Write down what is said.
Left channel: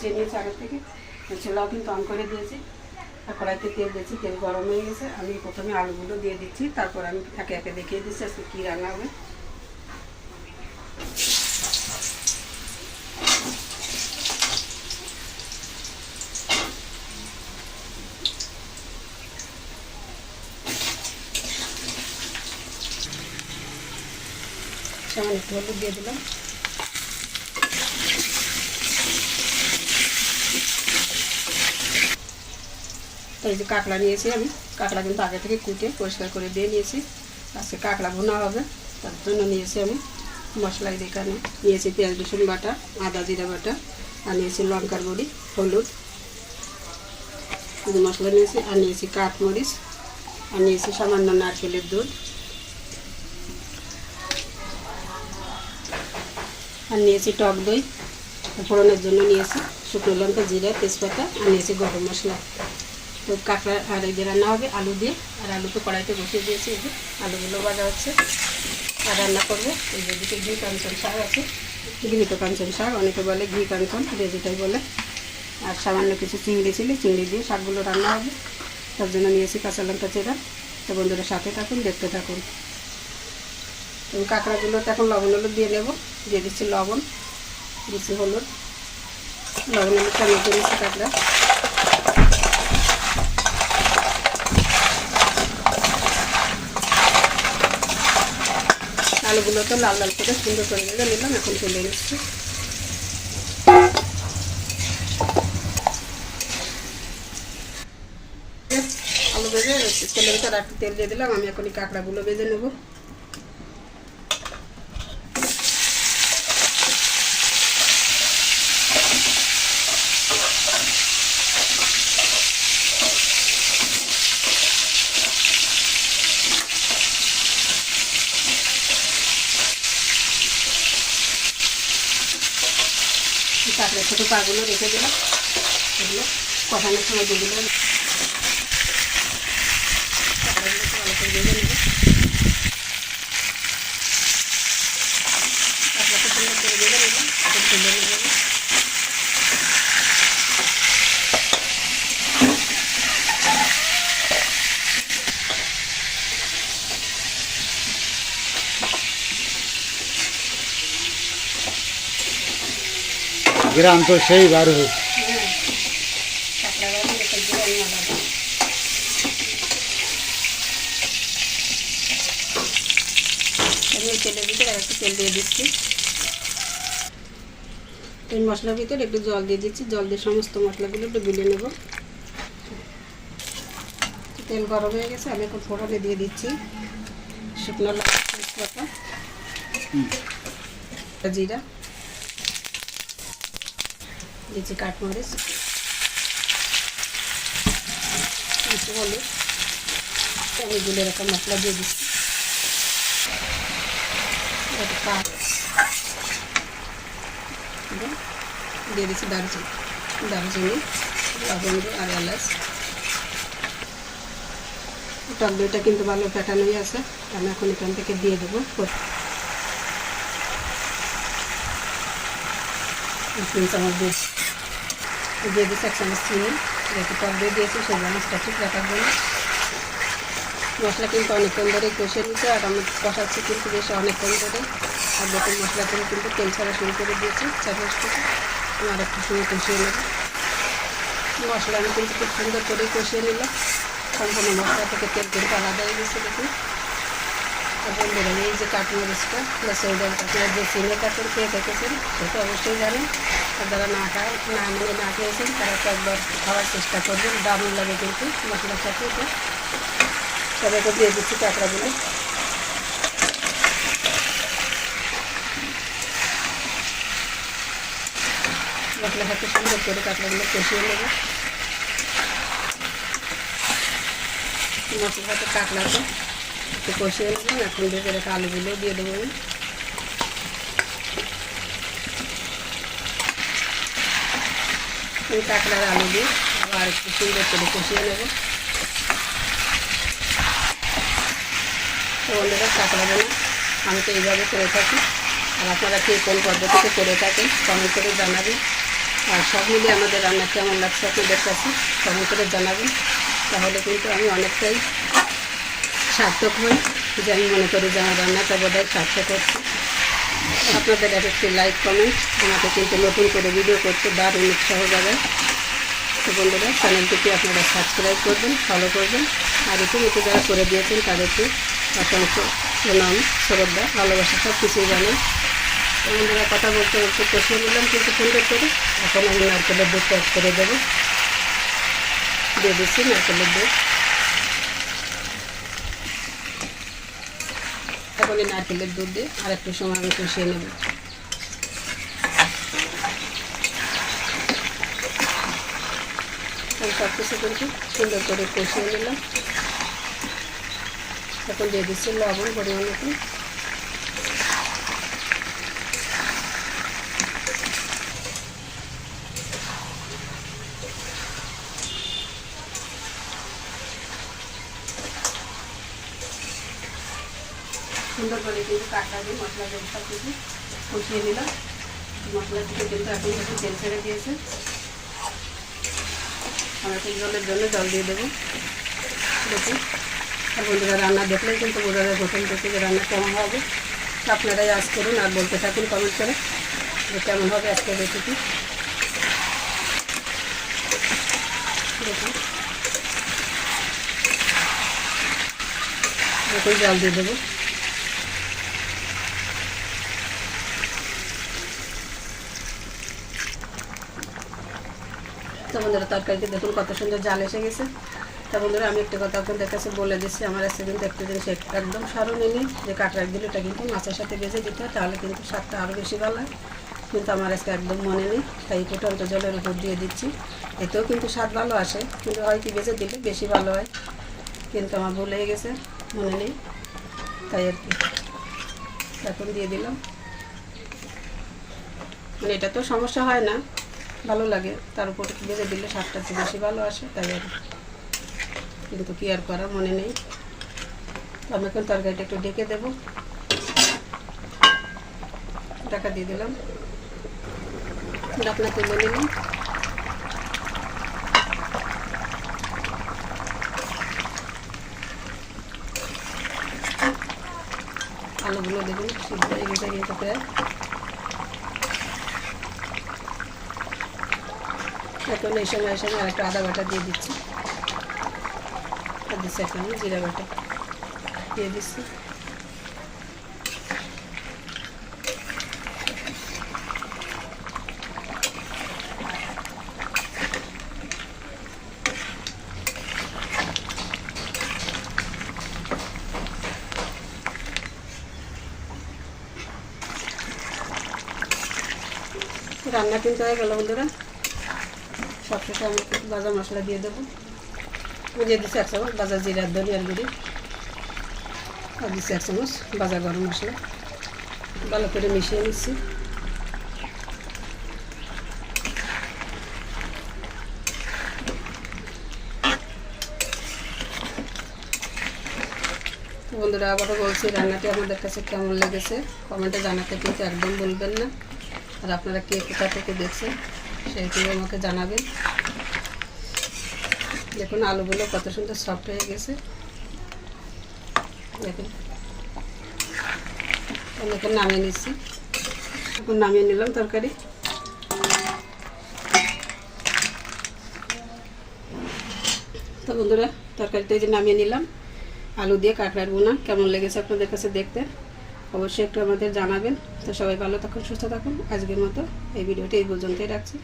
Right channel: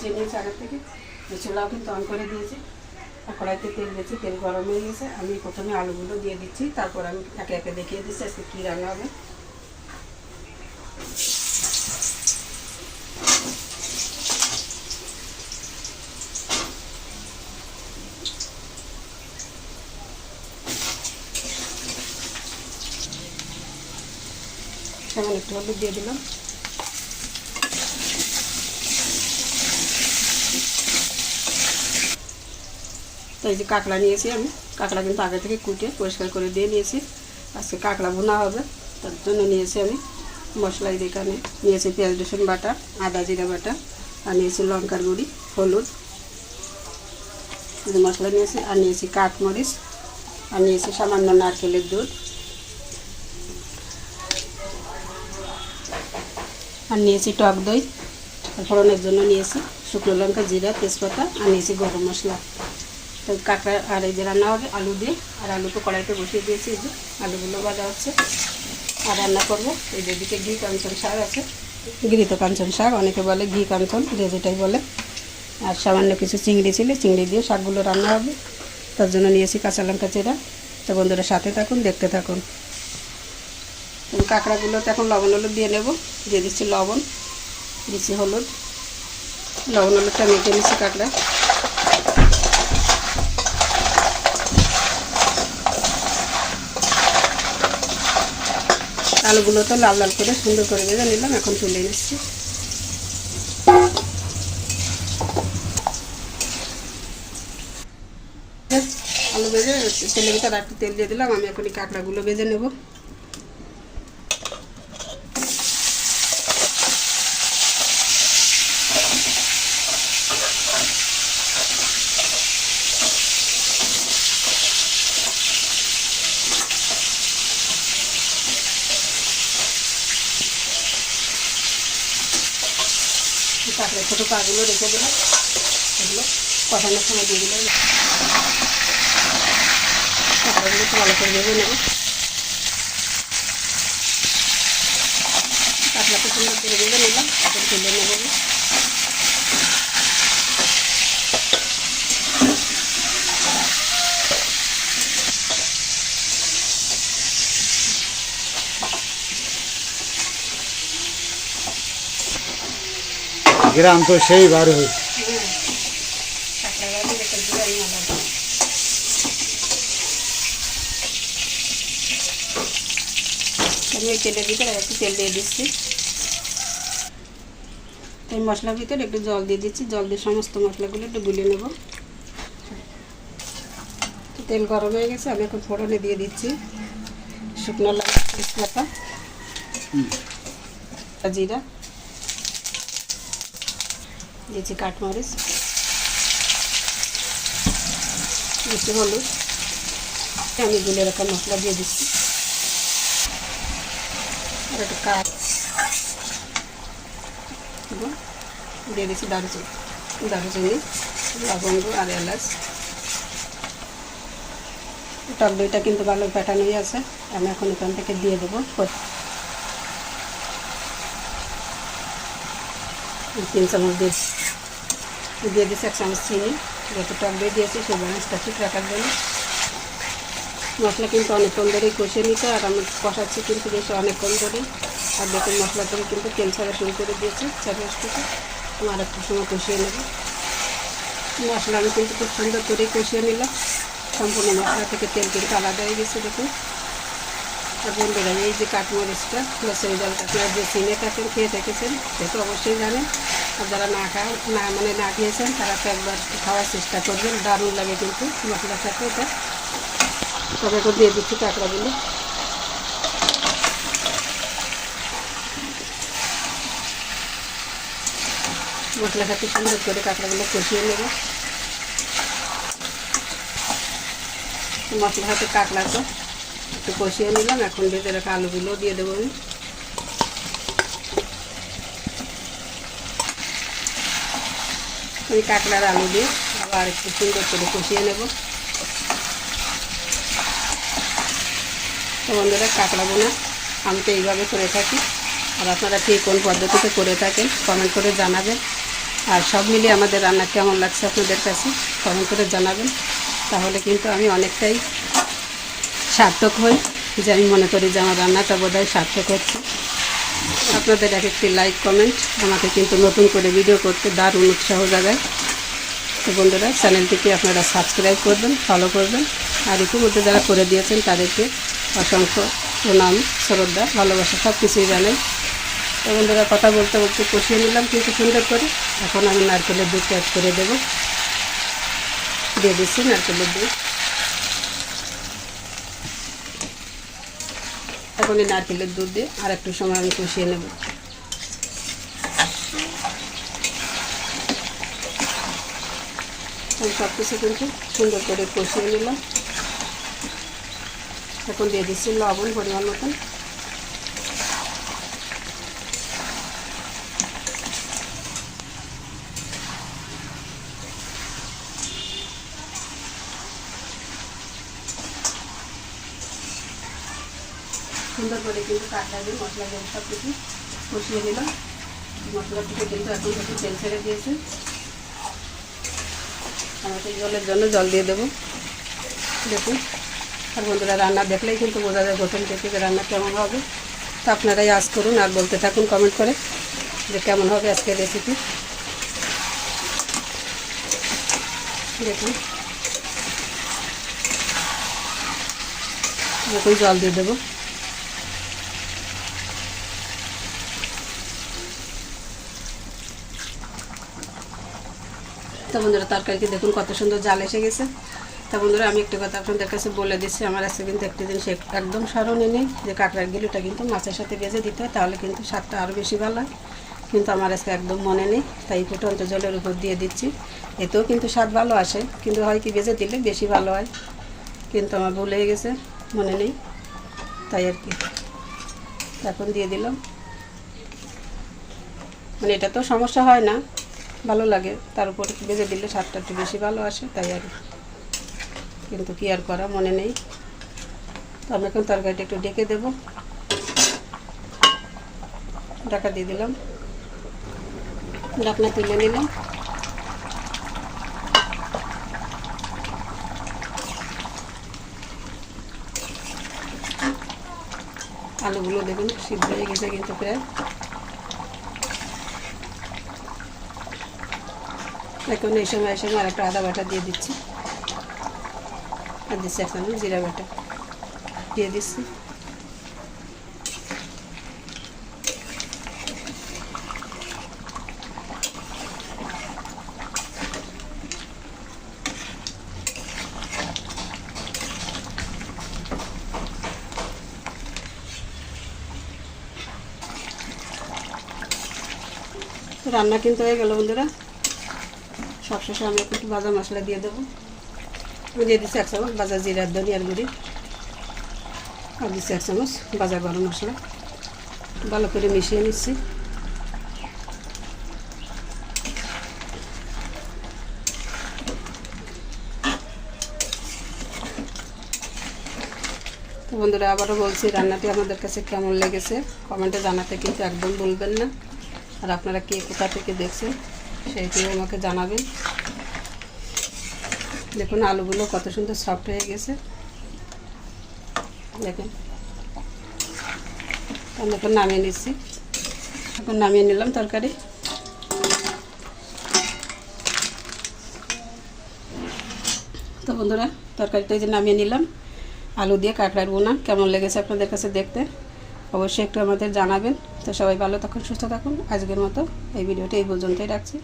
বসিয়ে নিয়েছি আগের থেকে, চুলাও কিন্তু অন করে দিয়েছি। আর কড়াইতে তেল দিয়েছি, তেল গরম হয়ে গেছে। আমি প্রথমে আলুগুলো দিয়ে দিচ্ছি, তারপর আমি একে একে দেখিয়ে দিচ্ছি আজকে কী রান্না হবে। সামান্য একটু হলুদ দিয়ে দিলাম। তো এই যে কাঁকড়া নিয়েছি আমি, কাঁকড়া কিন্তু আগে থেকে কুটে পরিষ্কার করে দিয়ে নিয়েছি। আজকে কাঁকড়া ভুনা হবে, তার জন্য নিয়েছি আমি মশলা। এখানে নিয়েছি পেঁয়াজ রসুন বাটা, আদা জিরা বাটা, আর নিয়েছি লঙ্কার গুঁড়ি, হলুদ, মশলা নিয়েছি। আর নিয়েছি কাঠমরিচ, আর নিয়েছি সামান্য নারকেলের দুধ, আর নিয়েছি টক দই। ফোড়নের জন্য নিয়েছি শুকনো লঙ্কা, জিরা, তেজপাতা, আর নিয়েছি গরম মশলা। তো কাঁকড়া আর এই যে রান্না হবে আলু দিয়ে। আর আলু তো কড়াইতে বসিয়ে দিয়েছি, এই যে আলুগুলো ভাজা হচ্ছে। আর রান্না করবো এই যে দিকে ঘি কাঞ্চন শাক আছে, ঘৃত কাঞ্চন শাক অনেকে বলে, ঘি কাঞ্চন যে যেটাই বলে। আর সামান্য কিছু চিংড়ি ছিল, চিংড়ি দিয়ে শাকগুলো রান্না হবে, তার জন্য নিয়েছি কাঁচা লঙ্কা চেরা। তো বন্ধুরা সাথে থাকুন, দেখতে থাকুন। কাঁকড়াগুলোতে এখন লবণ হলুদ দিয়ে নেব। দিয়ে দিচ্ছি লবণ, দিচ্ছি হলুদ, লবণ হলুদটা মেখে নিচ্ছি কাঁকড়া। আলুগুলোতে লাল লাল করে সুন্দর করে ভেজে নিলাম, এখন তুলে নিচ্ছি। আলু ভেজে তেলের ভিতরে একটু তেল দিয়ে দিলাম। আমি এখন এই কাঁকড়াগুলো ভেজে নেব। কাঁকড়ার ছোটো পাগুলো রেখে দিলাম, এগুলো কষানোর সময় দিয়ে দিলাম। কাঁকড়াগুলো একটু ভালো করে ভেজে নেব। কাঁকড়াকে সুন্দর করে ভেজে নিলাম, এখন তুলে নেব। গ্রাম তো সেই বার হয়েছে। আমি তেলের ভিতরে একটু তেল দিয়ে দিচ্ছি। এই মশলার ভিতরে একটু জল দিয়ে দিচ্ছি, জল দিয়ে সমস্ত মশলাগুলো একটু গুলে নেব। তেল গরম হয়ে গেছে, আমি এখন ফোড়নে দিয়ে দিচ্ছি শুকনো লঙ্কা, তেজপাতা, জিরা, দিচ্ছি কাঠমরিচ, দিচ্ছি হলুদ। আমি গুলে এরকম মশলা দিয়ে দিচ্ছি। দিয়ে দিচ্ছি দারুচিনি, লবঙ্গ আর এলাচ। টক দইটা কিন্তু ভালো ফেটানোই আছে, আমি এখন এখান থেকে দিয়ে দেবো। 3 চামচ দিয়ে দিচ্ছি 1 চামচ চিনি। যেহেতু টক দই দিয়েছি সেই জিনিসটা ঠিক রাখার জন্য। মশলা কিন্তু অনেকক্ষণ ধরেই কষে নিতে, আর আমি কষাচ্ছি কিন্তু বেশ অনেকক্ষণ ধরে। আর দেখুন মশলা থেকে কিন্তু তেল ছাড়া শুরু করে দিয়েছি চারপাশ থেকে। আর একটু সময় কষিয়ে নেব। মশলা আমি কিন্তু খুব সুন্দর করে কষিয়ে নিলাম, সম্পূর্ণ মশলা থেকে তেল কিন্তু আলাদা হয়ে গেছে দেখুন। আর বন্ধুরা এই যে কাঠমরিচটা প্লাস এই আপনারা যে চিনে কাঠের খেয়ে থেকেছেন সেটা অবশ্যই জানেন। আর যারা না খেয়েছেন তারা তো একবার খাওয়ার চেষ্টা করবেন, দারুণ লাগে কিন্তু মশলার সাথে। তো সবাইকে দিয়ে দিচ্ছি কাঁকড়াগুলো। মশলার সাথে সুন্দর করে কাঁকড়াগুলো কষিয়ে নেব। মশলার সাথে কাঁকড়াটা একটু কষিয়ে নিলাম, এখন ভেজে রাখা আলুগুলো দিয়ে দেবো আমি। এই কাঁকড়ার আলু দিয়ে আবার একটু সুন্দর করে কষিয়ে নেব। তো বন্ধুরা কাঁকড়াগুলো আমি তো এইভাবে করে থাকি, আর আপনারা কে কোন পদ্ধতিতে করে থাকেন কমেন্ট করে জানাবেন। আর সব মিলিয়ে আমাদের রান্না কেমন লাগছে আপনাদের কাছে কমেন্ট করে জানাবেন। তাহলে কিন্তু আমি অনেকটাই সার্থক হই, যে আমি মনে করি যে আমার রান্নাটা বোধহয় সার্থক হচ্ছে। আপনাদের এক একটি লাইক কমেন্ট আমাকে কিন্তু নতুন করে ভিডিও করতে দারুণ উৎসাহ জাগায়। তো বন্ধুরা, চ্যানেলটিকে আপনারা সাবস্ক্রাইব করবেন, ফলো করবেন, আর ইতিমধ্যে যারা করে দিয়েছেন তাদেরকে অসংখ্য প্রণাম, শ্রদ্ধা, ভালোবাসা সব কিছুই জানেন। তো বন্ধুরা, কথা বলতে বলতে কষিয়ে নিলাম কিন্তু সুন্দর করে। এখন আমি নারকেলের দুধ অ্যাড করে দেবো, দিয়ে দিচ্ছি নারকেলের দুধ। এখন এই নারকেলের দুধ দিয়ে আর একটু সময় আমি কষিয়ে নেব। সব কিছু কিন্তু সুন্দর করে কষিয়ে নিলাম। এখন দিয়ে দিচ্ছি লবণ পরিমাণ মতন। সুন্দর করে কিন্তু কাঁচা দিয়ে মশলা দিয়ে সব কিছু কষিয়ে নিলাম। মশলা থেকে কিন্তু এখন একটু তেল ছেড়ে দিয়েছে। আমি এখন জলের জন্য জল দিয়ে দেবো। দেখুন, আর বন্ধুরা, রান্না দেখলেই কিন্তু বোঝা যায় প্রথম থেকে যে রান্না কেমন হবে। তো আপনারাই আজ করুন আর বলতে থাকুন কমেন্ট করে যে কেমন হবে আজকের রেসিপি। দেখুন, এখন জল দিয়ে দেবো। তো বন্ধুরা, তরকারিতে দেখুন কত সুন্দর জাল এসে গেছে। তা বন্ধুরা, আমি একটা কথা আপনাদের কাছে বলে দিচ্ছি, আমার আজকে কিন্তু একটা জিনিস একদম স্মরণে নেই, যে কাঁকড়ার গিলুটা কিন্তু মাছের সাথে ভেজে দিতে হয়, তাহলে কিন্তু স্বাদটা আরও বেশি ভালো হয়। কিন্তু আমার আজকে একদম মনে নেই, তাই ফুটন্ত জলের উপর দিয়ে দিচ্ছি। এতেও কিন্তু স্বাদ ভালো আসে, কিন্তু হয় কি ভেজে দিলে বেশি ভালো হয়, কিন্তু আমার ভুল হয়ে গেছে, মনে নেই, তাই আর কি এখন দিয়ে দিলাম। মানে এটা তো সমস্যা হয় না, ভালো লাগে, তার উপরে ভেজে দিলে স্বাদটা একটু বেশি ভালো আসে, তাই আর কিন্তু কি আর করা, মনে নেই। তো আমি এখন তরকারিটা একটু ঢেকে দেবো। ঢাকা দিয়ে দিলাম, ঢাকনা তুলে নিলাম। আলুগুলো দেখুন সিদ্ধ হয়ে গেছে কিন্তু প্রায়। এখন এই সময় আর একটা আদা বাটা দিয়ে দিচ্ছি, আর দিচ্ছি এখন জিরা বাটা দিয়ে দিচ্ছি। রান্না কিন্তু হয়ে গেল বন্ধুরা। সবশেষে আমি একটু ভাজা মশলা দিয়ে দেবো। আমি দিয়ে দিচ্ছি 1 চামচ ভাজা জিরার ধনিয়ার গুঁড়ি, আর দিচ্ছি 1 চামচ ভাজা গরম মশলা। ভালো করে মিশিয়ে নিচ্ছি। বন্ধুরা, আবারও বলছি, রান্নাটি আমাদের কাছে কেমন লেগেছে কমেন্টে জানাতে কিন্তু একদম বলবেন না। আর আপনারা কে কোথা থেকে দেখছেন সেইটিও আমাকে জানাবেন। দেখুন আলুগুলো কত সুন্দর সফট হয়ে গেছে, দেখুন। আমি এখন নামিয়ে নিচ্ছি, এখন নামিয়ে নিলাম তরকারি। তো বন্ধুরা, তরকারিটা এই যে নামিয়ে নিলাম, আলু দিয়ে কাঁকড়ার বোনা কেমন লেগেছে আপনাদের কাছে দেখতে অবশ্যই একটু আমাদের জানাবেন। তো সবাই ভালো থাকুন, সুস্থ থাকুন। আজকের মতো এই ভিডিওটি এই পর্যন্তই রাখছি।